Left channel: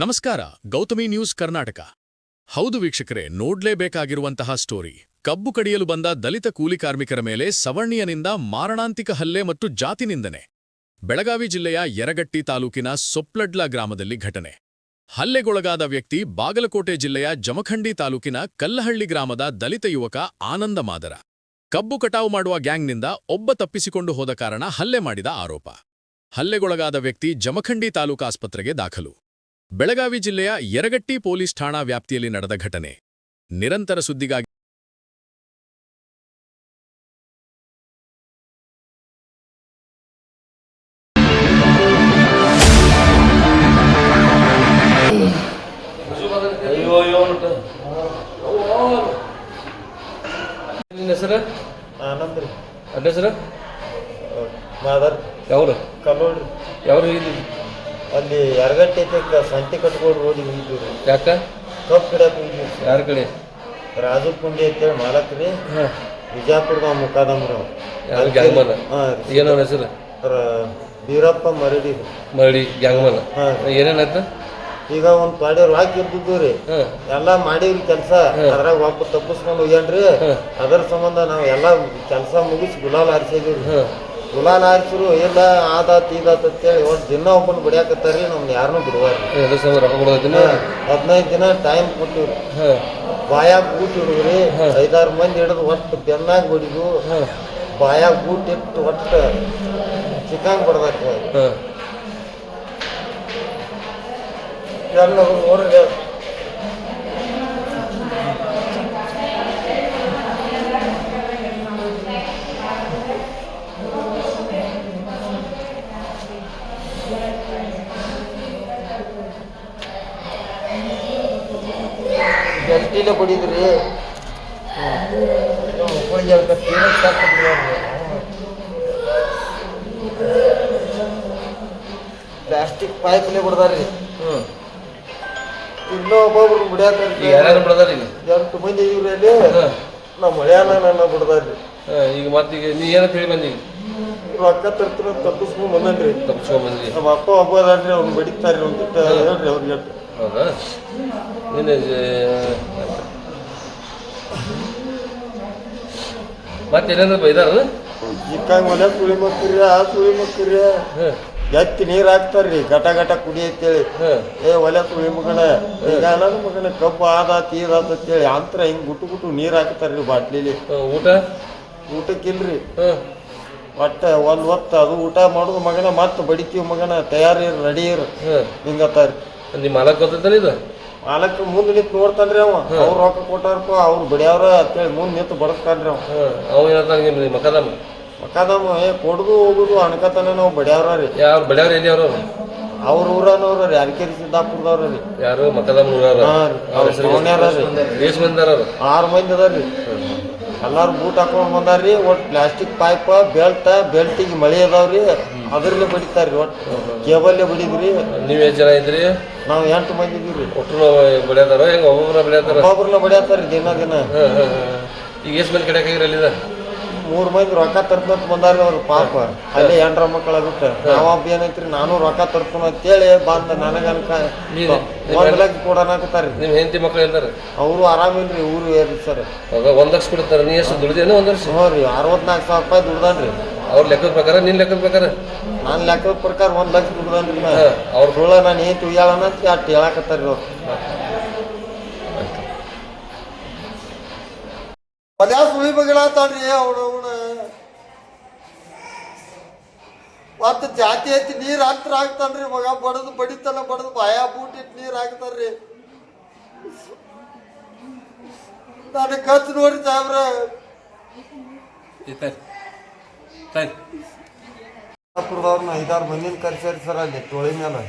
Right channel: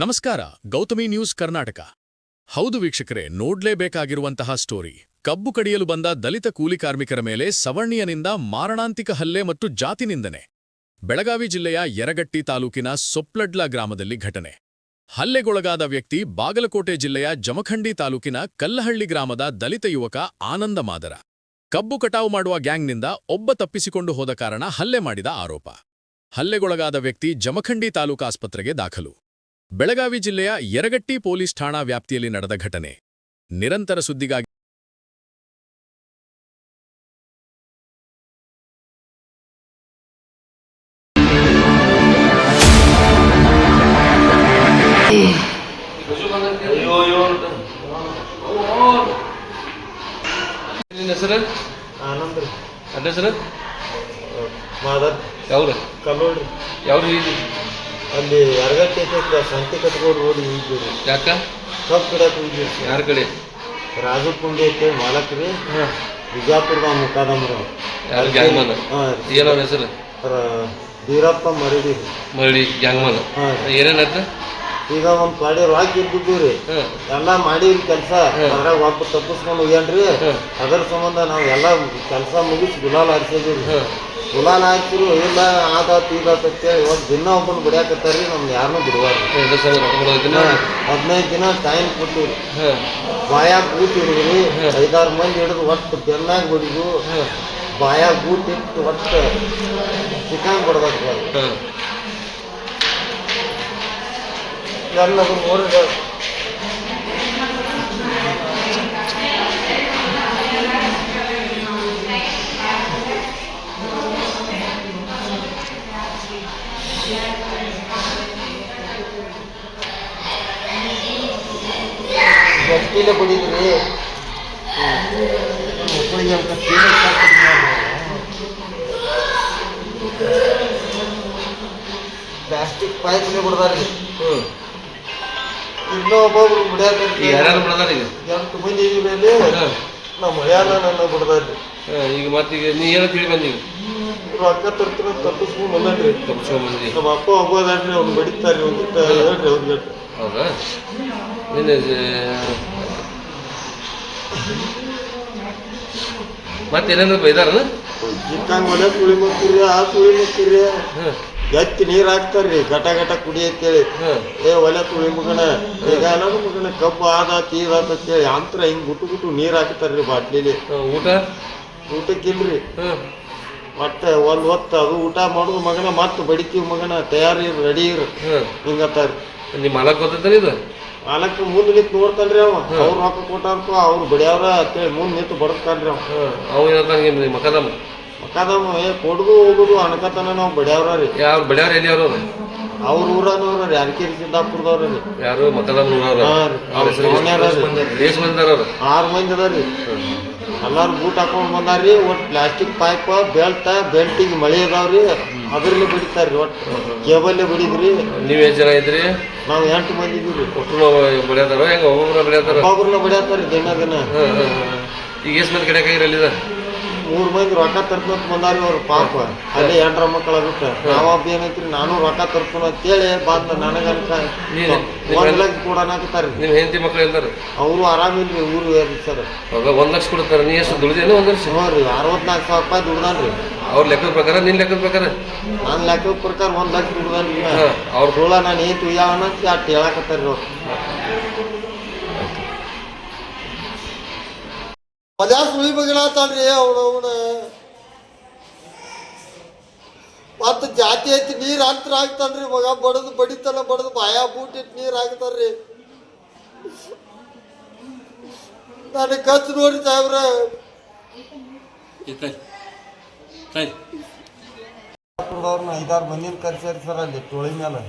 ನಮಸ್ಕಾರ, ಗೌತಮಿ ನ್ಯೂಸ್ ಕರ್ನಾಟಕ. ಹೌದು ವೀಕ್ಷಕರೇ, ನೋಡ್ಲೇಬೇಕಾಗಿರುವಂತಹ ಸ್ಟೋರಿ. ಕಬ್ಬು ಕಡಿಯಲು ಬಂದ ದಲಿತ ಕೂಲಿ ಕಾರ್ಮಿಕರ ಮೇಲೆ ಸವರ್ಣೀಯನಿಂದ ಮಾರಣಾಂತಿಕ ಹಲ್ಲೆ ಮತ್ತು ಜಾತಿ ನಿಂದನೆ. ಬೆಳಗಾವಿ ಜಿಲ್ಲೆಯ ಯರಗಟ್ಟಿ ತಾಲೂಕಿನ ಸೊಪ್ಲಡ್ಲ ಗ್ರಾಮದಲ್ಲಿ ಘಟನೆ. ಹಲ್ಲೆಗೊಳಗಾದ ವ್ಯಕ್ತಿ ಬಾಗಲಕೋಟೆ ಜಿಲ್ಲೆಯ ಜಮಖಂಡಿ ತಾಲೂಕಿನ ಕಲ್ಲಹಳ್ಳಿ ಗ್ರಾಮದ ದಲಿತ ಯುವಕ ಆನಂದ ಮಾದರ. ಕಬ್ಬು ಕಟಾವು ಮಾಡುವ ಗ್ಯಾಂಗ್ನಿಂದ ಒಬ್ಬ ತಪ್ಪಿಸಿಕೊಂಡು ಹೋದ ಕಾರಣ ಹಲ್ಲೆ ಮಾಡಿದ ಆರೋಪ. ಹಲ್ಲೆಗೊಳಗಾದ ವ್ಯಕ್ತಿ ಜಮಖಂಡಿ ತಾಲೂಕಾಸ್ಪತ್ರೆಗೆ ದಾಖಲು. ಬೆಳಗಾವಿ ಜಿಲ್ಲೆಯ ಯರಗಟ್ಟಿ ಪೊಲೀಸ್ ಠಾಣಾ ವ್ಯಾಪ್ತಿಯಲ್ಲಿ ನಡೆದ ಘಟನೆ. ನಿರಂತರ ಸುದ್ದಿಗಾಗಿ ಹೆಸರು ಆನಂದ್ ರೀ. ಹೆಸರು ಮಾದರ್ ಯಾವ್ರು ಕಲ್ಲೋಡ್ರಿ. ಯಾವ್ರು ಅಲ್ಲಿ ಯರಗಟ್ಟಿ ಸಂತಿ ಕಟ್ಕೊಂಡು ರೋಡ್ ಹೋಗಿದ್ವಿ. ಯಾಕ ಕಬ್ಬು ಗಿಡಕ್ಕೆ ಹೋಗಿದ್ವಿ. ಯಾರ ಕಡೆ? ರಾಜು ಕುಂಡಿ ಅಂತೇಳಿ ಮಾಲಕ್ ರೀ. ಬಿಜಾಪುರದ ಮುಖಾದಮ್ರ. ಯಾರು ಗ್ಯಾಂಗ್ಮನ್? ಹಾಂ. ಏನೋ ಹೆಸರು? ಬೀರಪ್ಪ ಮರಡಿ. ಮರಡಿ ಗ್ಯಾಂಗ್ಮನ್. ಹಾಂ. ಏನೇನಾಯ್ತು? ಈಗ ಒಂದು ಪಾಡಿ ರಾಕ್ ಇರ್ತಿದ್ವಿ ರೀ. ಎಲ್ಲ ಮಾಡೀವಿ ಕೆಲಸ. ಅದ್ರಾಗ ಒಬ್ಬ ತಪ್ಪಿಸ್ಕೊಂಡು ಹೋಗ್ಯಾನ್ರಿ. ಅದ್ರ ಸಂಬಂಧ ನಾವು ಎಲ್ಲ ಕೆಲಸ ಮುಗಿಸಿ ಗುಲಾಲ್ ಹಾರಿಸಿದ್ವಿ ರೀ. ಗುಲಾಲ್ ಹಾಕ್ಸಿರು ಇಲ್ಲ ಆದಾತ್ ಈದಾತ್ ಅಂತೇಳಿ ಒಂದು ದಿನ ಒಬ್ಬನ ಬಿಡ್ಯಾಕತ್ತಾರ ರೀ. ನಮ್ಗೆ ಯಾರನ್ನೂ ಬಿಡುವಾರ್ರಿ. 15 ದಿನ ಟೈಮ್ ಕೊಟ್ಟಿವ್ರಿ. ಬಾಯಾಗ ಬೂಟ್ ಹಿಡಿದ್ರಿ. 5-6 ಮಂದಿ ಹಿಡಿದು ಒಟ್ಟು ಬೆನ್ನಾಗ ಬಡಿದು ಬಾಯಾಗ ಬೂಟ್ ಇಟ್ಟು ಒಟ್ಟು ಚಿಕನ್ ಬಡ್ದಾಕ್ರಿ. ಎಲ್ಲದು ನೋಡ್ರಿ. ಗಟ್ಟಿಲೆ ಬಡಿದ್ರಿ. ಪ್ಲಾಸ್ಟಿಕ್ ಪೈಪ್ಲೆ ಬಿಡ್ದಾರ್ರಿ. ಇನ್ನೂ ಒಬ್ಬೊಬ್ರು ಬಿಡ್ಯಾಕ ಯಾರ್ಯಾರು ಬಿಡದಾರ? ಈಗ 8 ಮಂದಿ ಇದೀವಿ ಅಲ್ಲಿ. ನಮ್ಮ ಮಳ್ಯಾನ ನನ್ನ ಬಿಡ್ದಾರ್ರಿ. ಈಗ ಮತ್ತೀಗ ನೀ ಏನಂತ ಹೇಳಿ ಬಂದೀಗ? ರೊಕ್ಕ ತರ್ತೀನಿ ತಪ್ಪಿಸ್ಕೊಂಡು ಬಂದನ್ರಿ. ತಪ್ಪಿಸ್ಕೊಂಬಂದಿ? ನಮ್ಮ ಅಪ್ಪ ಒಬ್ಬ ಅದಾರ್ರಿ. ಅವ್ನು ಬಡಿತಾರ್ರಿ. ಒಂದಿಟ್ಟು ಹೇಳ್ರಿ ಅವ್ರಿಗೆ. ಹೌದಾ? ನೀನು ಮತ್ತೇನೇನು ಬೈದಾರ? ಚಿಕ್ಕಂಗೆ ಮನೆ ಸುಳಿ ಮಕ್ಕಿರಿ, ಆ ಸುಳಿ ಮಕ್ಕಿರಿ. ಎತ್ತಿ ನೀರು ಹಾಕ್ತಾರ್ರಿ ಘಟ ಘಟ ಕುಡಿ ಅಂತೇಳಿ. ಒಲೆ ಸುಳಿ ಮಗನ ಈಗ ಎಲ್ಲರೂ ಮಗನ ಕಬ್ಬು ಆದಾತ್ ಈದಾತ್ ಅಂತೇಳಿ ಅಂತರ ಹಿಂಗೆ ಗುಟ್ಟು ನೀರು ಹಾಕ್ತಾರ್ರಿ ಬಾಟ್ಲಿಲಿ. ಊಟಕ್ಕಿಲ್ರಿ. ಮತ್ತೆ ಒಂದು ಹೊತ್ತು ಅದು ಊಟ ಮಾಡೋದು ಮಗನ ಮತ್ತೆ ಬಡಿತೀವಿ ಮಗನ ತಯಾರಿ ರೆಡಿ ಇರು ಹಿಂಗತ್ತಾರ. ನಿಮ್ಮ ಮಾಲಕ್ ಗೊತ್ತೈತಲ್ಲ ಇದು? ಮಾಲಕ್ಕೆ ಮುಂದೆ ನಿಂತು ನೋಡ್ತಾನ್ರಿ. ಅವ ಅವ್ರು ರೊಕ್ಕ ಕೊಟ್ಟಾರಪ್ಪ ಅವ್ರು ಬಡಿಯವ್ರ ಅಂತೇಳಿ ಮುಂದೆ ನಿಂತು ಬಡಸ್ತಾನ್ರಿ. ಅವ ಏನಂತ ಮಕದಮ್ಮ ಮಕಾದಮ್ಮ ಕೊಡುದು ಹೋಗುದು ಅನ್ಕತನ ನಾವು ಬಡಿಯವ್ರ ರೀ. ಯಾರು ಬಡಿಯವ್ರ? ಎಲ್ಲಿ ಅವರು? ಅವ್ರ ಊರನವ್ರ ರೀ. ಯಾರಕೇರಿ ಸಿದ್ದಾಪುರದವ್ರ ರೀ. ಯಾರು ಮಕದಮ್ಮ ಊರವ್ರ? 6 ಮಂದಿ ಅದಾರ್ರಿ. ಎಲ್ಲಾರು ಬೂಟ್ ಹಾಕೊಂಡ್ ಬಂದಾರ್ರಿ. ಒಟ್ಟು ಪ್ಲಾಸ್ಟಿಕ್ ಪೈಪ್ ಬೆಲ್ಟಿಗೆ ಮಳೆ ಅದಾವ್ರಿ. ಅದ್ರಲ್ಲೇ ಬಡಿತಾರ್ರಿ. ಒಟ್ಟು ಕೇಬಲ್ಲೇ ಬಡಿದ್ರಿ. ನೀವ್ ಎಷ್ಟು ಜನ ಇದ್ರಿ? ನಾವು 8 ಮಂದಿ ಇದೀವಿ. ಒಟ್ಟು ಬಡಿಯತಾರ? ಹೆಂಗ ಒಬ್ಬೊಬ್ರ ಬಡಿಯತಾರ? ಒಬ್ಬೊಬ್ರನ್ನ ಬಡಿಯತಾರ್ರಿ ದಿನ. ಈಗ ಎಷ್ಟು ಮಂದಿ ಕಡೆ ಕೈರಲ್ಲಿದ? 3 ಮಂದಿ ರೊಕ್ಕ ತರ್ಪಂತ ಬಂದಾರ್ರಿ. ಅವ್ರು ಪಾಪ ಅಲ್ಲೇ 8 ಮಕ್ಕಳ ಬಿಟ್ಟು ನಾವೊಬ್ಬ ಏನೈತ್ರಿ ನಾನು ರೊಕ್ಕ ತರ್ಪನ ಅಂತೇಳಿ ಬಂದ ನನಗನ್ಕ 1 ಲಕ್ಷ ಕೊಡೋಣಾಕತ್ತಾರ್ರಿ. ನಿಮ್ ಹೆಂಡತಿ ಮಕ್ಳು ಹೇಳ್ತಾರ? ಅವರು ಆರಾಮಿಲ್ರಿ. ಊರು ಏರಿ ಸರ್. 1 ಲಕ್ಷ ಕೊಡ್ತಾರ. ನೀ ಎಷ್ಟು ದುಡಿದೇನ 1 ವರ್ಷ? ಹ್ಞೂ ರೀ. 64,000 ರೂಪಾಯಿ ದುಡ್ದಾನ್ರಿ. ಅವ್ರ ಲೆಕ್ಕದ ಪ್ರಕಾರ ನಿನ್ ಲೆಕ್ಕದ ಪ್ರಕಾರ? ನನ್ನ ಲೆಕ್ಕದ ಪ್ರಕಾರ 1 ಲಕ್ಷ ದುಡ್ದಾನ್ರಿ. ಅವ್ರ ಸುಳ್ಳ ನಾನು ಏನ್ ತುಯ್ಯಾಳನ ಅಂತ ಅಷ್ಟು ಹೇಳಾಕತ್ತಾರ್ರಿ ಅವ್ರು. ಪದ್ಯಾ ಸುಳಿ ಬಗಳಾತಾಳ್ರಿ ಅವನವನ. ಮತ್ತು ಜಾತಿ ಐತಿ ನೀರು ಅಂತರ ಹಾಕ್ತಾನ್ರಿ ಮಗ. ಬಡದು ಬಡಿತಾನ ಬಡದು ಬಾಯ ಬೂಟಿಟ್ಟು ನೀರು ಹಾಕ್ತಾರ್ರಿ. ನಾನು ಕಚ್ ನೋಡಿ ಸಾಹೇಬ್ರ. ಬಿಜಾಪುರದವ್ರನ್ನ 5-6 ಮಂದಿನ ಕರ್ಸ್ಯಾರಿ ಸರ್ ಅಲ್ಲಿ ಟೋಳಿ ಮೇಲೆ.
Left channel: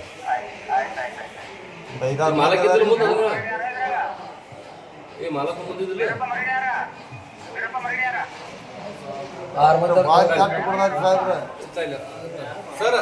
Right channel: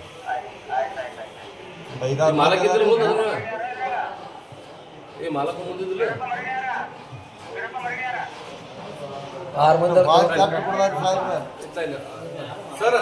5-6 ಸರ್